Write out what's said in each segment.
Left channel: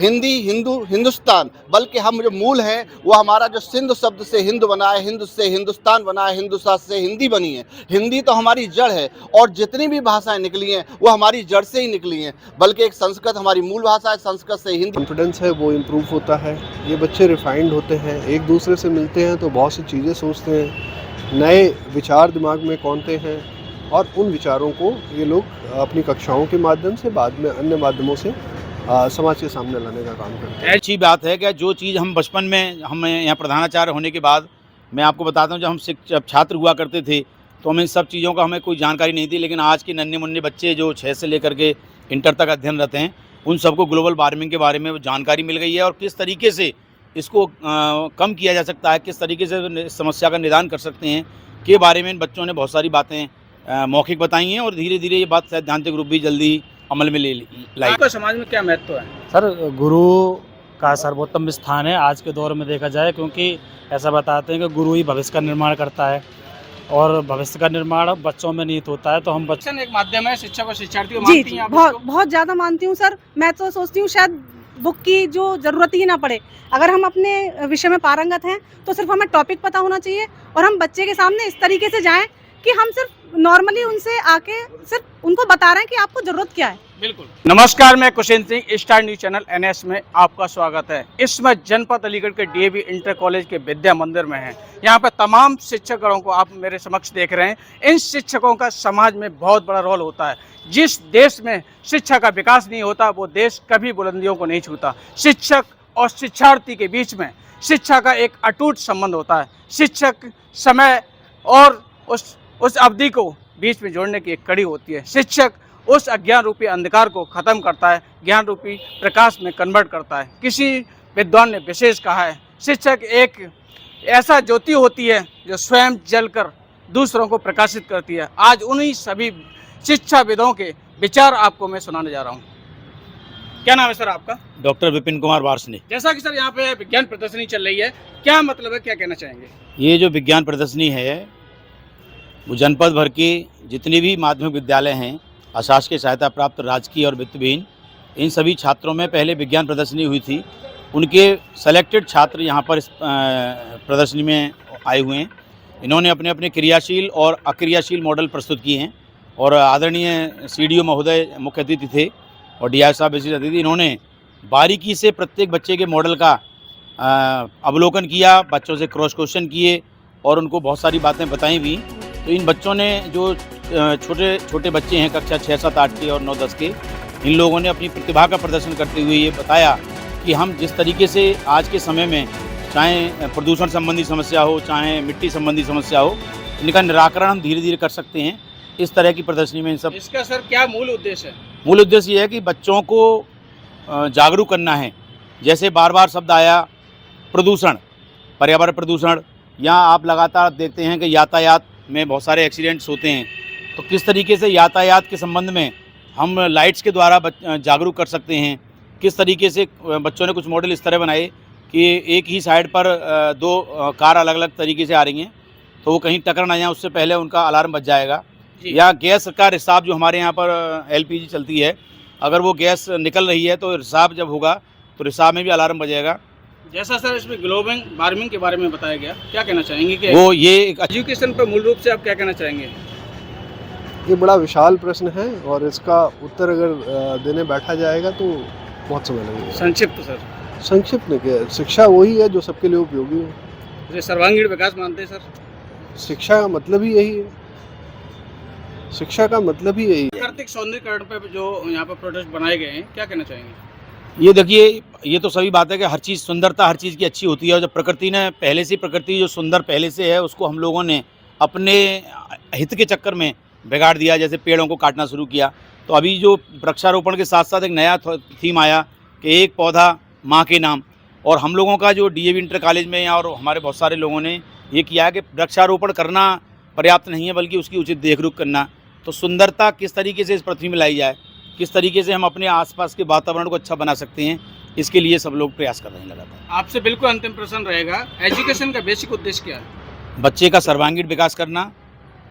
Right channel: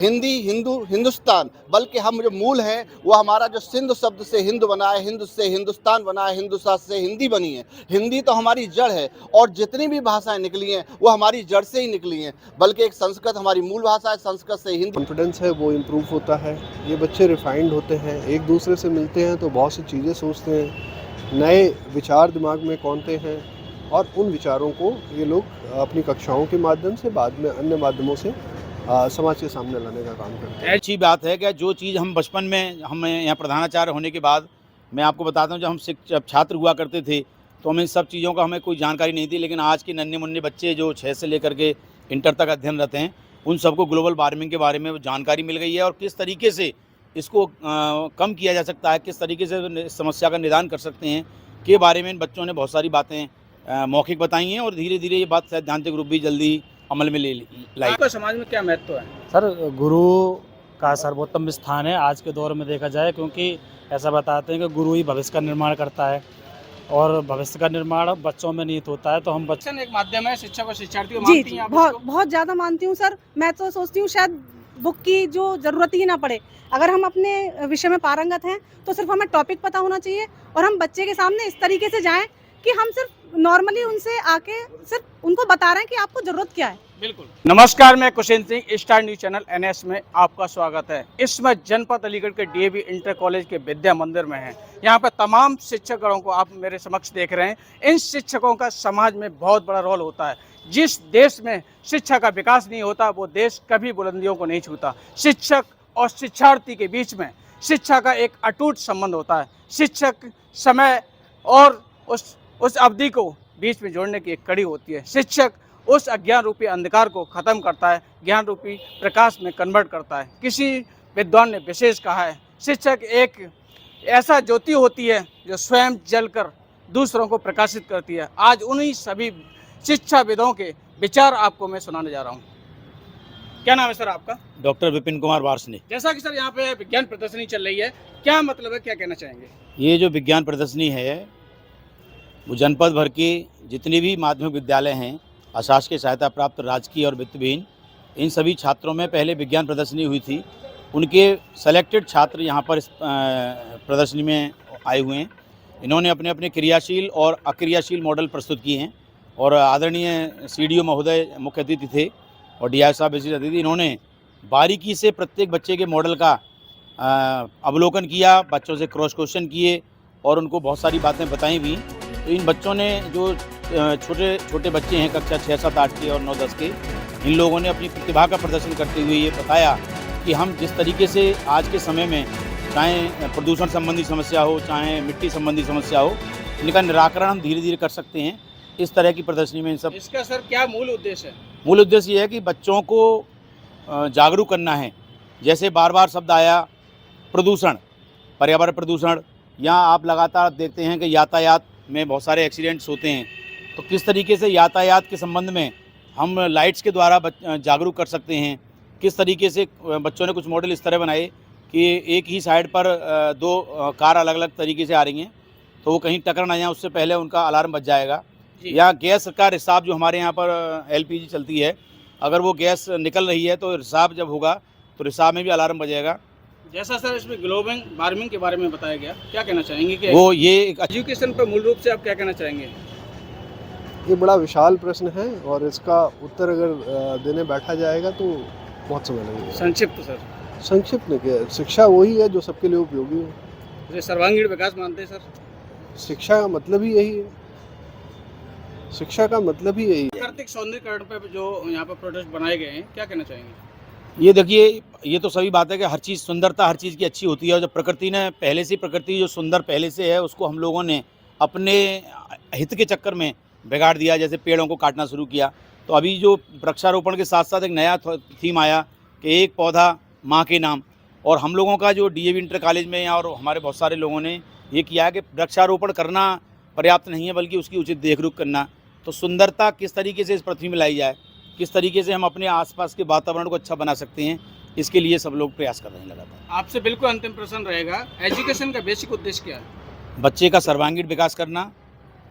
हिंदी, हिंदू, हिंदुस्तान, बल्कि हम जो मूल है वो हमारा जो सिंध शब्द से हिंद बना है, हिंद से हिंदुस्तान बना है, हिंदुस्तान से हिंदी बनी है। हिंदी तो हमारी जड़ है और जितनी भी भाषाएं निकली हैं वो हमारी जड़ से ही निकली हैं, बल्कि एक संस्कृत हमारी मूल भाषा है, संस्कृत से हिंदी। कॉन्फिडेंस है वो इम्प्रूव होता है। ये बच्चे रिफाइंड होते हैं, एक दूसरे से मिलते हैं तो बहुत सी चीज़ें सोचते हैं, नए विचार दिमाग में कौनते हैं और उन विचारों को ये लोग अपनी कक्षाओं के माध्यम से बाद में अन्य माध्यमों से समाज के सामने लाने का काम करते हैं। अच्छी बात है कि जो चीज़ हम बचपन में, हम यहाँ प्रधानाचार्य होने के बाद मैं आपको बताता हूँ, जब छात्र हुआ करते थे तो हमें सब चीज़ों का हमें कोई जानकारी नहीं थी, लेकिन आज के नन्हे मुन्ने बच्चे जो 6 से लेकर के इंटर तक अध्ययन रहते हैं उन सबको ग्लोबल वार्मिंग के बारे में जानकारी मिल गई है और किस तरीके से इसको कम किया जा सकता है, किस तरीके से इस समस्या का निदान कर सकते हैं के बारे में इन बच्चों ने बहुत सारी बातें मौखिक बताई हैं और धीरे धीरे ये बात सैद्धांतिक रूप भी जल्दी अमल में लाई। आपका समाज में क्या महत्व है? सर, गुरु का सर्वोत्तम स्थान है आज के दौर में देखा जाए, क्योंकि ऐसा बताते हैं कि गुरु ही भविष्य का निर्माण करता है और भविष्य का निर्माण बच्चों में निहित होता है। तो हम शिक्षण एक माध्यम है, शिक्षक और शिक्षार्थी को जी मानती जी हैं आप बहुत इसको? बहुत ज़्यादा मानती हूँ सर। मैं तो सोचती हूँ शायद बुक की जो ज़रूरत ही ना पड़े। अगर हम अपने विषय में पारंगत हैं तो सिर्फ हमें टॉपिक पता होना चाहिए और हम बच्चे के सामने इस तरीके से जाएं कि हम सिर्फ नॉर्मली उनसे आके सिर्फ उनको बता रहे हैं कि आपको ज़रूरत क्या है। बिल्कुल। नमस्कार, मैं Kushendra Singh, star news channel NS में आपका स्वागत है। इस समय जनपद अलीगढ़ के DAV इंटर कॉलेज के विद्या मंदिर में है। यहाँ पर तमाम शिक्षकगणों को आप मेरे समक्ष देख रहे हैं। इन शिक्षकों का समाज में बहुत बड़ा रोल होता है। जिस देश में शिक्षा का विकास नहीं होता वो देश कभी बुलंदियों को नहीं छूता। शिक्षक और शिक्षार्थी के बीच में शिक्षा का एक अटूट संबंध होता है। शिक्षक समय और उस अवधि को बीच में जोड़ने की एक कड़ी होती है। शिक्षक उस अज्ञान रूपी अंधकार को खत्म करता है, ज्ञान रूपी प्रकाश में कन्वर्ट करता है। किसी विद्वान ने विशेष कहा है, शिक्षक एक ऐसा ज्योति होती है जो स्वयं जलकर दूसरों को प्रकाशित करती है। आज उन्हीं सभी शिक्षाविदों के विचार आपको मैं सुनाने जा रहा हूँ। क्या नाम है सर आपका? डॉक्टर विपिन कुमार वार्ष्णेय। जैसा कि सर यहाँ पे विज्ञान प्रदर्शनी चल रही है, क्या मतलब है, क्या कहना चाहेंगे? ये जो विज्ञान प्रदर्शनी है वो जनपद भर के जितने भी माध्यमिक विद्यालय हैं, अशासकीय सहायता प्राप्त, राजकीय और वित्तविहीन, इन सभी छात्रों में पहले विज्ञान प्रदर्शनी हुई थी। उनके सेलेक्टेड छात्र यहाँ पर इस प्रदर्शनी में आए हुए हैं। इन्होंने अपने अपने क्रियाशील और अक्रियाशील मॉडल प्रस्तुत किए हैं और आदरणीय CDO महोदय मुख्य अतिथि थे और DI साहब विशेष अतिथि। इन्होंने बारीकी से प्रत्येक बच्चे के मॉडल का अवलोकन किया, बच्चों से क्रॉस क्वेश्चन किए और उनको बहुत सारी बातें बताई भी। तो इन बच्चों ने, जो छोटे छोटे बच्चे हैं कक्षा 6, 7, 8 के और 9, 10 के, इन लोगों ने अपनी प्रतिभा का प्रदर्शन करते हुए ये बताया कि हम जिस तरीके से आज के समय में, चाहे प्रदूषण संबंधी समस्या हो, चाहे मिट्टी संबंधी समस्या हो, इनका निराकरण हम धीरे धीरे कर सकते हैं। इस तरह की प्रदर्शनी में इन सब। इसका सर क्या मूल उद्देश्य है? मूल उद्देश्य ये है कि बच्चों को जागरूक करना है। जैसे बार बार शब्द आया प्रदूषण, पर्यावरण प्रदूषण, या आप लगातार देखते हैं कि यातायात में बहुत सारे एक्सीडेंट्स होते हैं। तो किस तरीके से यातायात के संबंध में हम लाइट्स के द्वारा जागरूक कर सकते हैं। किस तरीके से बच्चों ने कुछ मॉडल इस तरह बनाए कि एक ही साइड पर 2 कार अलग अलग तरीके से आ रही हैं, तो वो कहीं टक्कर ना जाए उससे पहले उनका अलार्म बज जाएगा। या गैस का रिसाव, जो हमारे यहाँ पर LPG चलती है, अगर वो गैस निकल रही है तो रिसाव जब होगा तो रिसाव में भी अलार्म बजेगा। जैसा सर इसमें ग्लोबल वार्मिंग के बारे में बताया गया, क्या कहना चाहेंगे कि वो ये एक एजुकेशन पर मूल रूप से आप क्या कहना चाहेंगे? ये बड़ा विशाल प्रश्न है और इसका उत्तर अगर देने बैठा जाएगा तो बहुत समय लगेगा। संक्षिप्त सर। संक्षिप्त में क्या, शिक्षा वही है जो सबके लिए उपयोगी हो। जैसे सर्वांगीण विकास मानते हैं सर। शिक्षा का मतलब ही यही है। शिक्षा का मतलब ही यही है। प्राकृतिक सौंदर्यीकरण पे जो यहाँ पर प्रोडक्ट बनाए गए हैं, क्या कहना चाहेंगे? ये देखिए, ये तो सभी बात है कि हर चीज़, सुंदरता हर चीज़ की अच्छी होती है और जब प्रकृति ने पहले से, प्रकृति जो सुंदर पहले से है उसको हम लोगों ने अपने हित के चक्कर में बिगाड़ दिया। जैसे पेड़ों को काटना शुरू किया। तो अभी जो वृक्षारोपण के साथ साथ एक नया थीम आया कि एक पौधा माँ के नाम, और हम लोगों का जो DAV इंटर कॉलेज में और हमारे बहुत सारे लोगों ने ये किया है कि वृक्षारोपण करना पर्याप्त नहीं है बल्कि उसकी उचित देखरेख करना। तो सुंदरता किस तरीके से इस पृथ्वी में लाई जाए, किस तरीके से हम अपने आसपास के वातावरण को अच्छा बना सकते हैं, इसके लिए सब लोग प्रयास कर रहे हैं लगातार। आपसे बिल्कुल अंतिम प्रश्न रहेगा, एजुकेशन का बेसिक उद्देश्य क्या है? बच्चे का सर्वांगीण विकास करना।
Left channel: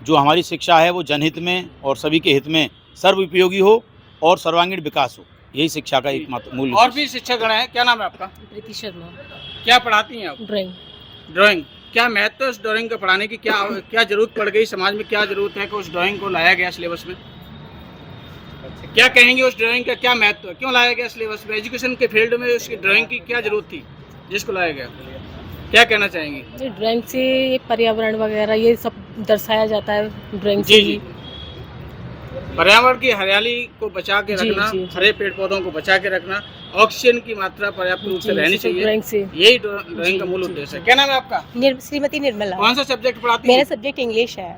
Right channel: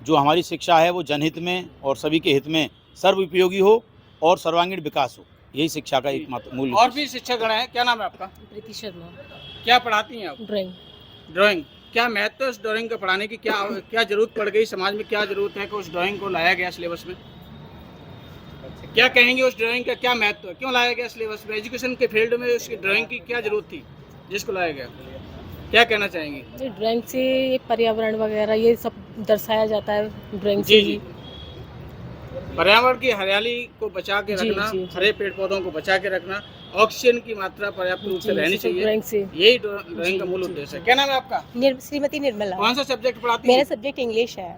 जो हमारी शिक्षा है वो जनहित में और सभी के हित में सर्व उपयोगी हो और सर्वांगीण विकास हो। यही शिक्षा का एक मूल और भी शिक्षकगण हैं, क्या नाम है आपका? प्रीति शर्मा। क्या पढ़ाती हैं आप? ड्राइंग। ड्राइंग। क्या महत्व है उस ड्राइंग को पढ़ाने की? क्या जरूरत पड़ गई समाज में? क्या जरूरत है कि उस ड्राइंग को लाया गया सिलेबस में? क्या कहेंगे उस ड्राइंग का क्या महत्व है? क्यों लाया गया सिलेबस में? एजुकेशन के फील्ड में उसकी ड्राइंग की क्या जरूरत थी जिसको लाया गया? क्या कहना चाहेंगे? ये ड्राइंग से पर्यावरण वगैरह ये सब दर्शाया जाता है ड्राइंग से जी ही। जी। पर्यावरण की हरियाली को बचा के जी, रखना, जी, जी। हरे पेड़ पौधों को बचा के रखना, ऑक्सीजन की मात्रा पर्याप्त रूप से जी, रहनी तो चाहिए, ड्राइंग से। यही ड्राइंग का मूल जी, उद्देश्य है। क्या नाम है आपका? श्रीमती निर्मला। कौन सा सब्जेक्ट पढ़ाती मेरा है? सब्जेक्ट इंग्लिश है।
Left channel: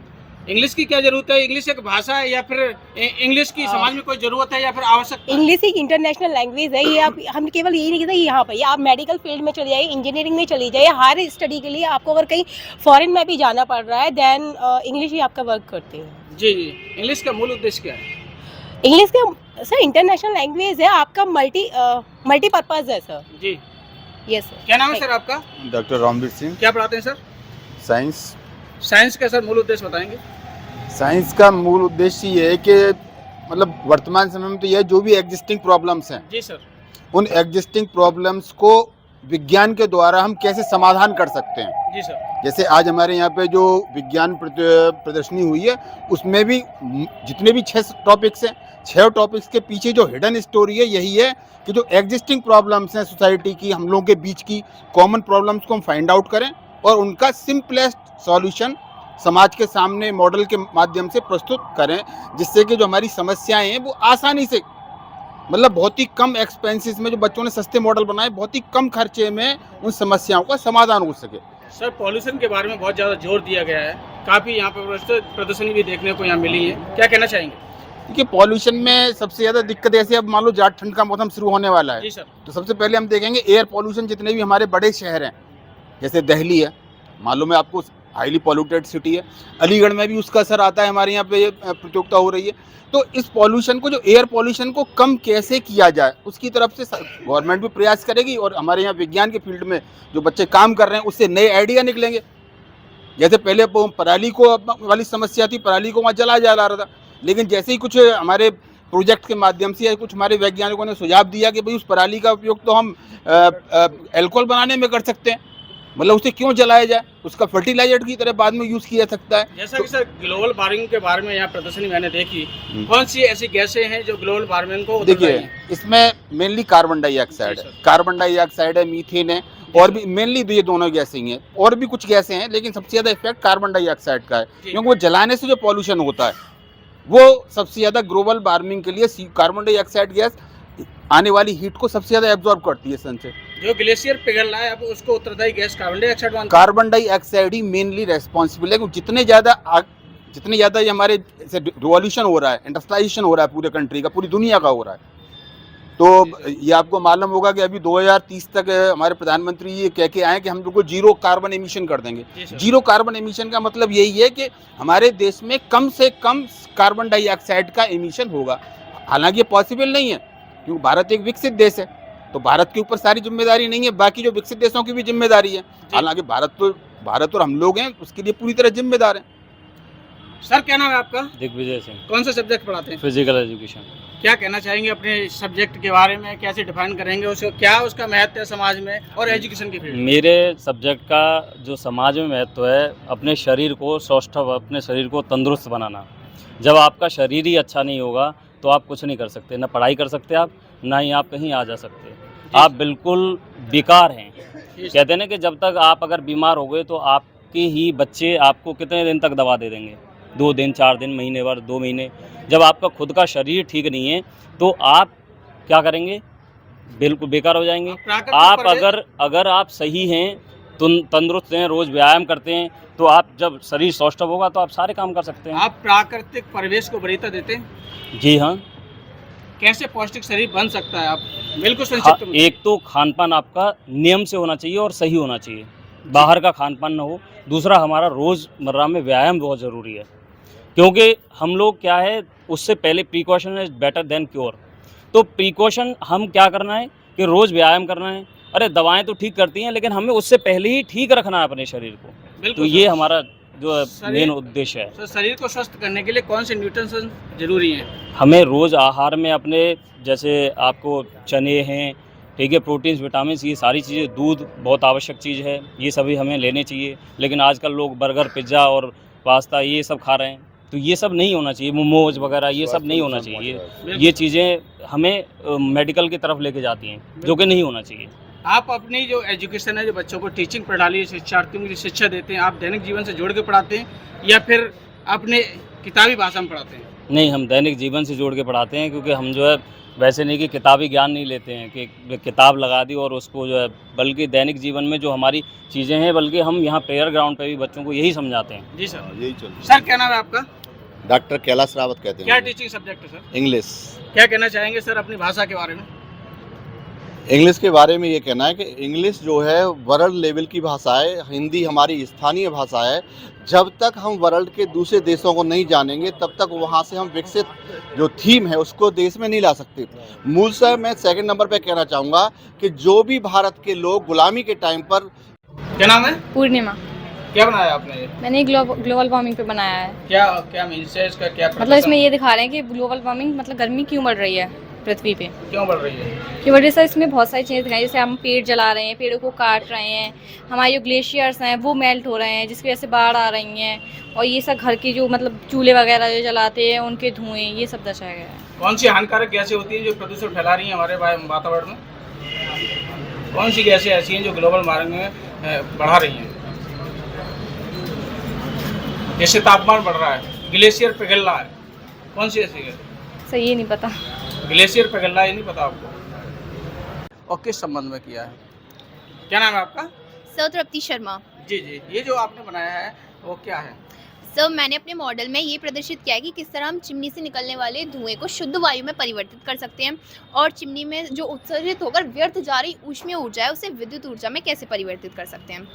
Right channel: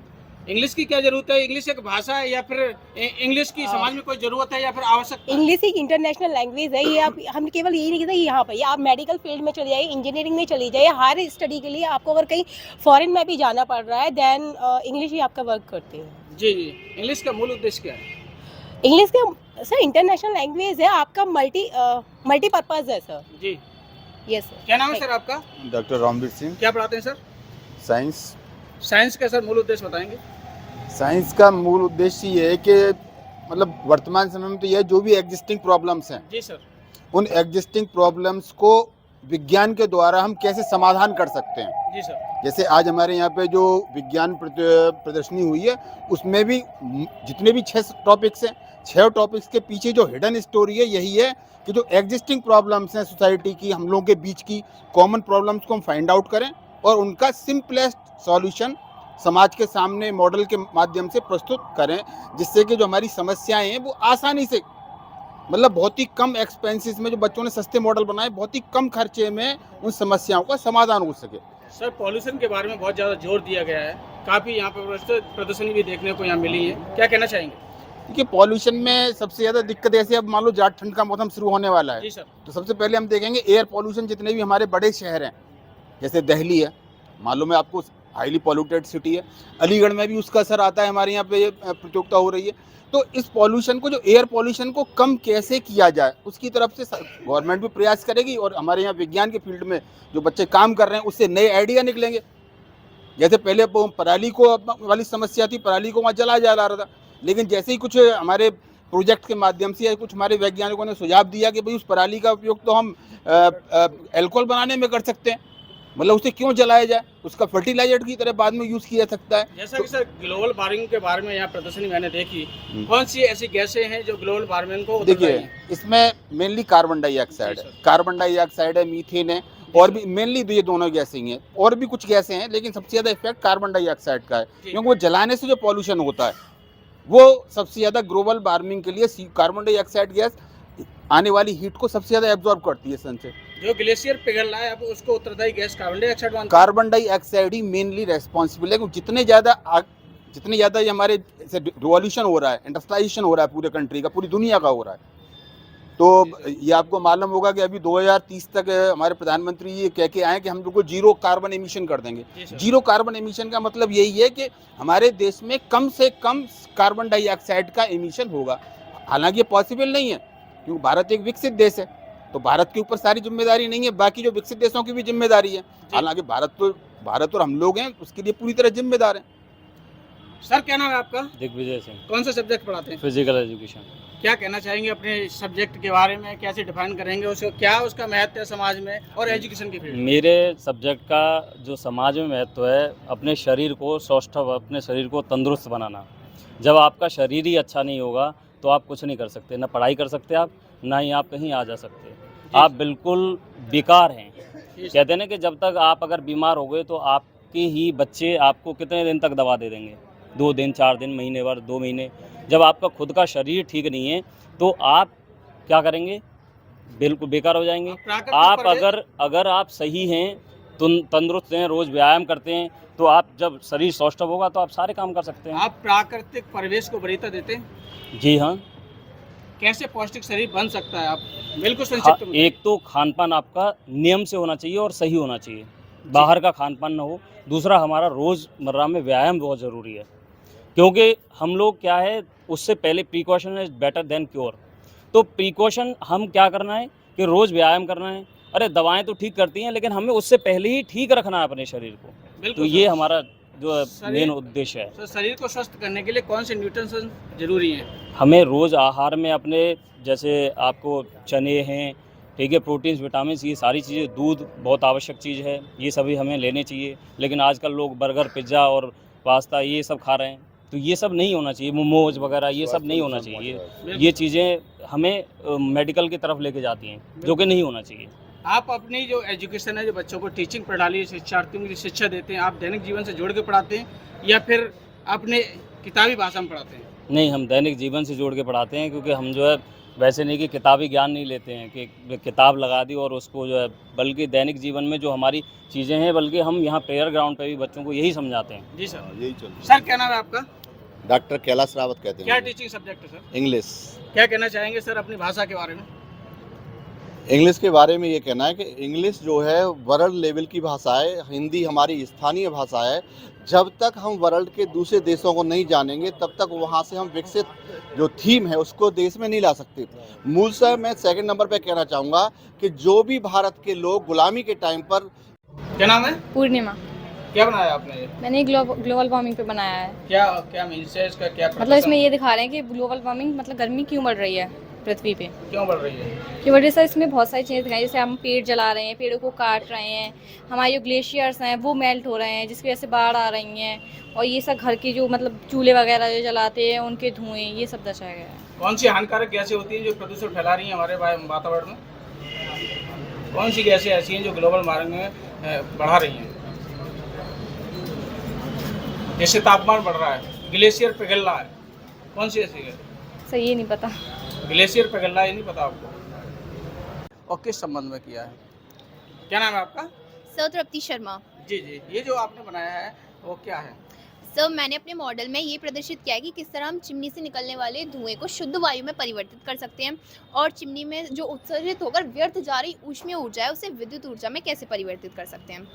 इंग्लिश की क्या जरूरत है? इंग्लिश एक भाषा है या फिर इंग्लिश की समाज में कोई जरूरत है या फिर आवश्यकता है? इंग्लिश एक इंटरनेशनल लैंग्वेज है। ये आप हम केवल यही नहीं कहते यहाँ पर, ये आप मेडिकल फील्ड में चले जाइए, इंजीनियरिंग में चली जाइए, हर स्टडी के लिए आपको अगर कहीं फॉरेन में भी जाना पड़ रहा है देन इंग्लिश ही आपका वर्क करते हैं। जी जी। इंग्लिश का मूल उद्देश्य क्या है? इंग्लिश का सर इंटरनेशनल लैंग्वेज है, आपका मल्टीपर्पज है सर। जी। Yes sir. क्या नाम है सर आपका? डॉक्टर रामवीर सिंह। क्या पढ़ाते हैं सर? साइंस। साइंस का सर मूल उद्देश्य बताएंगे? साइंस का मूल उद्देश्य ये है कि मतलब वर्तमान समय में तो ये जो भी एग्जिस्टिंग प्रॉब्लम्स हैं, जी सर। उन एग्जिस्टिंग प्रॉब्लम्स को विज्ञान के द्वारा हम कैसे समाधान कर सकते हैं। जी सर। जैसे आज हमारे यहाँ पे जो विज्ञान प्रदर्शनी हुई है, उसमें भी जितने भी 6 टॉपिक्स हैं, 6 टॉपिक्स के पीछे जो हिडन स्टोरी है यही है कि जो एग्जिस्टिंग प्रॉब्लम्स हैं सोसाइटी की, हम लोगों के बीच की कॉमन प्रॉब्लम्स को हम फाइंड आउट करें और उनका सिंपलेस्ट सॉल्यूशन समाज के सामने मॉडल के माध्यम से प्रस्तुत करें, जिससे कि जो हमारी समस्याएं हैं वो आसानी से, मतलब बहुत ही कम एक्सपेंसेस में, जो बच्चों ने सस्ते मॉडल बनाए, बहुत ही कम खर्चे में उन समस्याओं का समाधान हो सके। सर पॉल्यूशन के बारे में बहुत ज़्यादा जोर दिया गया है, काफ़ी यहाँ पर प्रदर्शनी भी देखने को यहाँ मिली है, क्या कहना चाहेंगे? क्योंकि पॉल्यूशन में सबसे ज़्यादा दिक्कत ऐसे, अब मान लो जाट ठंड का मौसम शुरू होने वाला है, जी सर। तो सबसे पहले हम देखेंगे एयर पॉल्यूशन। जितने भी हमारे बड़े शहर हैं, जैसे दिल्ली है, मालूम है आपको, हाईली पॉल्यूटेड सिटी है, अलीगढ़ में भी उसका असर आता है, हमारे यहाँ पे प्रतियोगिता हो रही है। तो इस पॉल्यूशन को, जो एयर पॉल्यूशन को कम कैसे किया जाए, उसकी तरफ से गवर्नमेंट भी प्रयास करेगी और हमारे यहाँ विज्ञान के फील्ड में जो बच्चे काम कर रहे हैं उससे नए आइडिया निकलेंगे। जैसे पहले पराली को वाली समस्या थी, पराली को वहाँ जलाया जा रहा था, लेकिन जैसे ही कुछ हमारे प्रोजेक्ट के माध्यम से या कुछ हमारे वैज्ञानिकों ने सुझाव दिया कि भाई उस पराली का उपयोग तो हम अल्कोहल बनाने में कर सकते हैं, मतलब उसे क्यों जलाया जाए, उसका फर्टिलाइजर की तरह बाद में यूज़ किया जा सकता है। जैसा कि सर ग्लोबल वार्मिंग के बारे में यहाँ प्रदर्शनी मैंने देखी, कौन सी ऐसी गैसें हैं जो ग्लोबल वार्मिंग को उतर रही देखिए, हैं? इसमें मेनली कार्बन डाइऑक्साइड जी है, सर। कार्बन डाइऑक्साइड है, मीथेन है, और भी मेनली ये दोनों गैसें ही हैं, और भी कुछ गैसें हैं, लेकिन सबसे ज़्यादा इफेक्ट कार्बन डाइऑक्साइड का है, जी। क्योंकि वो जलाने से जो पॉल्यूशन होता है वो सबसे ज़्यादा ग्लोबल वार्मिंग के लिए कार्बन डाइऑक्साइड गैस आने वाली हीट को सबसे ज़्यादा एब्जॉर्ब करती है सन से। जो ग्लेशियर पिघल रहा है अब उसको उत्तरदायी गैस कार्बन डाइऑक्साइड मानते हैं? कार्बन डाइऑक्साइड ही मेनली रेस्पॉन्सिबल है, क्योंकि जितने ज़्यादा ये हमारे रिवॉल्यूशन हो रहा है, इंडस्ट्रियलाइजेशन हो रहा है पूरे कंट्री का, पूरी दुनिया का हो रहा है, तो ये आपको मालूम होगा कि अभी 2030 तक हमारे प्रधानमंत्री ये कह के आए कि हम लोग को 0 कार्बन एमिशन कर देंगे। जी सर। 0 कार्बन एमिशन का मतलब यही है कि हमारे देश में कम से कम कार्बन डाइऑक्साइड का एमिशन होगा। हालांकि ये पॉसिबल नहीं है, क्योंकि भारत एक विकसित देश है, तो भारत के ऊपर सारी जिम्मेदारी नहीं है, बाकी जो विकसित देशों की भी जिम्मेदारी है। हालांकि भारत और हम लोग हैं उसके लिए पूरी तरह जिम्मेदार हैं। सर क्या नाम है आपका? दिग्विजय सिंह, कौन सा सब्जेक्ट पढ़ाते हैं? Physical education. क्या कहना चाहेंगे अपने सब्जेक्ट के बारे में? कैसे डिफाइन करेंगे उसको? क्या उसका महत्व है समाज में और एजुकेशन के फील्ड में? मेरे सब्जेक्ट का जो समाज में महत्व है, अपने शरीर को स्वस्थ, अपने शरीर को तंदुरुस्त बनाना। जब आपका शरीर ही अच्छा नहीं होगा तो आप कुछ नहीं कर सकते, ना पढ़ाई कर सकते आप, ना ही आप कहीं आ जा सकते। आप बिल्कुल बेकार हैं। कहते हैं ना कि जब तक आप अगर बीमार हो गए तो आपके ही बच्चे आपको कितने दिन तक दवा दे देंगे, 2 दिन, 4 दिन, महीने भर, 2 महीने। जब आपका खुद का शरीर ठीक नहीं है तो आप क्या करेंगे? बिल्कुल बेकार हो जाएंगे। आप अगर आप सही हैं, तंदुरुस्त हैं, रोज़ व्यायाम करते हैं, तो आप जब शरीर स्वस्थ होगा तो आप सारे काम कर सकते हैं। आप प्राकृतिक परिवेश को वरीयता देते हैं? जी हाँ। कैसे पौष्टिक शरीर बन सकता है? आप बिल्कुल हाँ, संक्षिप्त में। एक तो खान पान आपका नियम से होना चाहिए और सही होना चाहिए, बाहर का खान पान ना हो। दूसरा, हमारा रोज़मर्रा में व्यायाम बहुत ज़रूरी है, क्योंकि हम लोग क्या है, उससे पहले precaution is better than cure. तो प्रिकॉशन हम क्या करना है कि रोज़ व्यायाम करना है। अरे दवाएं तो ठीक करती हैं, लेकिन हमें उससे पहले ही ठीक रखना है अपने शरीर को। तो बिल्कुल ये सर। हमारा जो शरीर- मेन उद्देश्य है। तो शरीर को स्वस्थ करने के लिए कौन से न्यूट्रिशन जरूरी हैं? हमें रोज़ आहार में अपने जैसे आपको चने हैं, ठीक है, प्रोटीन्स, विटामिन्स, ये सारी चीज़ें, दूध बहुत आवश्यक चीज़ है, ये सभी हमें लेने चाहिए। लेकिन आजकल लोग बर्गर, पिज़्ज़ा और पास्ता ये सब खा रहे हैं, तो ये सब नहीं होना चाहिए। मोमोज वगैरह ये सब नहीं होना चाहिए। ये चीज़ें हमें मेडिकल की तरफ लेके जाती हैं, जो कि नहीं होना चाहिए। आप अपनी जो एजुकेशन है, जो बच्चों को टीचिंग प्रणाली, शिक्षार्थियों की शिक्षा देते हैं, आप दैनिक जीवन से जोड़ के पढ़ाते हैं या फिर अपने किताबी भाषा में पढ़ाते हैं? नहीं, हम दैनिक जीवन से जोड़ के पढ़ाते हैं, क्योंकि हम जो है वैसे नहीं कि किताबी ज्ञान नहीं लेते हैं कि किताब लगा दी और उसको जो है, बल्कि दैनिक जीवन में जो हमारी चीज़ें हैं, बल्कि हम यहाँ प्रेयर ग्राउंड पे भी बच्चों को यही समझाते हैं। जी सर। यही चल रहा सर क्या नाम है आपका? है। डॉक्टर कैलाश रावत कहते क्या हैं। टीचिंग सब्जेक्ट है सर? इंग्लिश। क्या कहना चाहेंगे सर अपनी भाषा के बारे में? इंग्लिश के बारे में ये कहना है कि इंग्लिश जो है वर्ल्ड लेवल की भाषा है, हिंदी हमारी स्थानीय भाषा है। जब तक हम वर्ल्ड के दूसरे देशों को नहीं जानेंगे, तब तक वहाँ से हम विकसित जो थीम है उसको देश में नहीं ला सकते। मूलतः मैं सेकंड नंबर पे कहना चाहूँगा कि जो भी भारत के लोग गुलामी के टाइम पर। क्या नाम है? पूर्णिमा। क्या बनाया आपने ये? मैंने ग्लोबल वार्मिंग पे बनाया है। क्या क्या मीन्स है इसका? क्या मतलब इसमें ये दिखा रहे हैं कि ग्लोबल वार्मिंग मतलब गर्मी क्यों बढ़ रही है पृथ्वी पे। क्यों बढ़ रही है? की वजह से इसमें बहुत सारी चीज़ें दिखाई, जैसे हम पेड़ जला रहे हैं, पेड़ों को काट रहे हैं, हमारे जो ग्लेशियर्स हैं वो मेल्ट हो रहे हैं, जिसकी वजह से बाढ़ आ रही हैं, और ये सब घर की जो मतलब चूल्हे वगैरह जो जलाते हैं उनके धुएँ, ये सब दर्शाया गया है। कौन सी हानिकारक गैसें होती हैं जो प्रदूषण फैला रही हैं हमारे वातावरण में? कौन सी गैसें ऐसी हैं जो ग्लोबल वार्मिंग में बढ़ा रही हैं? जैसे तापमान बढ़ रहा है, ग्लेशियर पिघल रहा है, कौन सी ऐसी है? सही ये नहीं पता। ग्लेशियर पिघल रहा है, ये नहीं पता आपको? और किस संबंध में किया है? क्या नाम है आपका? सर तृप्ति शर्मा। जी जी, ये जो आपने बनाया है वो क्या है? सर मैंने अपने मॉडल में ये प्रदर्शित किया है कि किस तरह हम चिमनी से निकलने वाले धुएं को शुद्ध वायु में परिवर्तित कर सकते हैं, और चिमनी में जो उत्सर्जित होकर व्यर्थ जा रही ऊष्मीय ऊर्जा है उसे विद्युत ऊर्जा में कैसे परिवर्तित कर सकते हैं।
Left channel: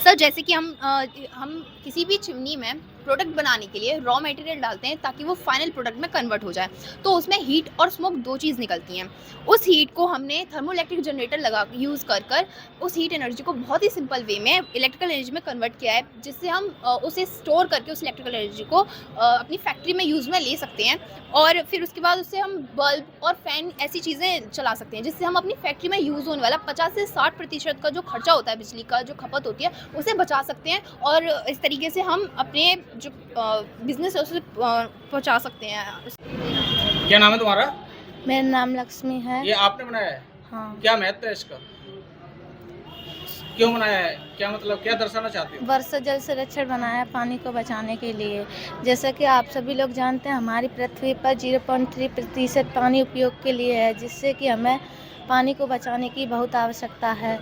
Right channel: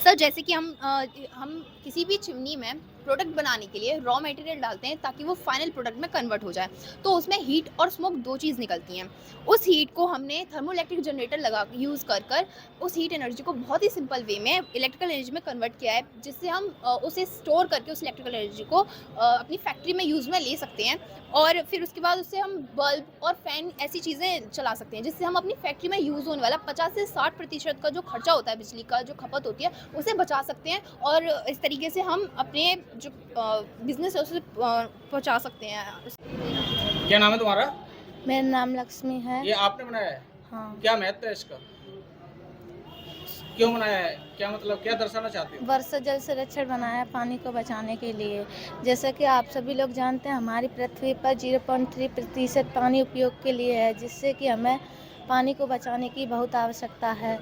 सर जैसे कि हम किसी भी चिमनी में प्रोडक्ट बनाने के लिए रॉ मटेरियल डालते हैं ताकि वो फाइनल प्रोडक्ट में कन्वर्ट हो जाए, तो उसमें हीट और स्मोक दो चीज़ निकलती हैं। उस हीट को हमने थर्मोइलेक्ट्रिक जनरेटर लगा यूज़ कर उस हीट एनर्जी को बहुत ही सिंपल वे में इलेक्ट्रिकल एनर्जी में कन्वर्ट किया है, जिससे हम उसे स्टोर करके उस इलेक्ट्रिकल एनर्जी को अपनी फैक्ट्री में यूज़ में ले सकते हैं, और फिर उसके बाद उससे हम बल्ब और फैन ऐसी चीज़ें चला सकते हैं, जिससे हम अपनी फैक्ट्री में यूज़ होने वाला 50 से 60% का जो खर्चा होता है, बिजली का जो खपत होती है, उसे बचा सकते हैं, और इस तरीके से हम अपने जो बिजनेस है उसे पहुंचा सकते हैं। क्या नाम है तुम्हारा? मेरा नाम लक्ष्मी है। ये आपने बनाया है? हाँ। क्या महत्व है इसका? क्यों बनाया है? क्या मतलब, क्या दर्शाना चाहते हो? वर्षा जल संरक्षण बनाया है पानी को बचाने के लिए। जैसा कि आप सभी लोग जानते हैं, हमारी पृथ्वी पर 0.3% पानी उपयोग के लिए है, जिससे कि हमें पानी को बचाने की बहुत आवश्यकता है।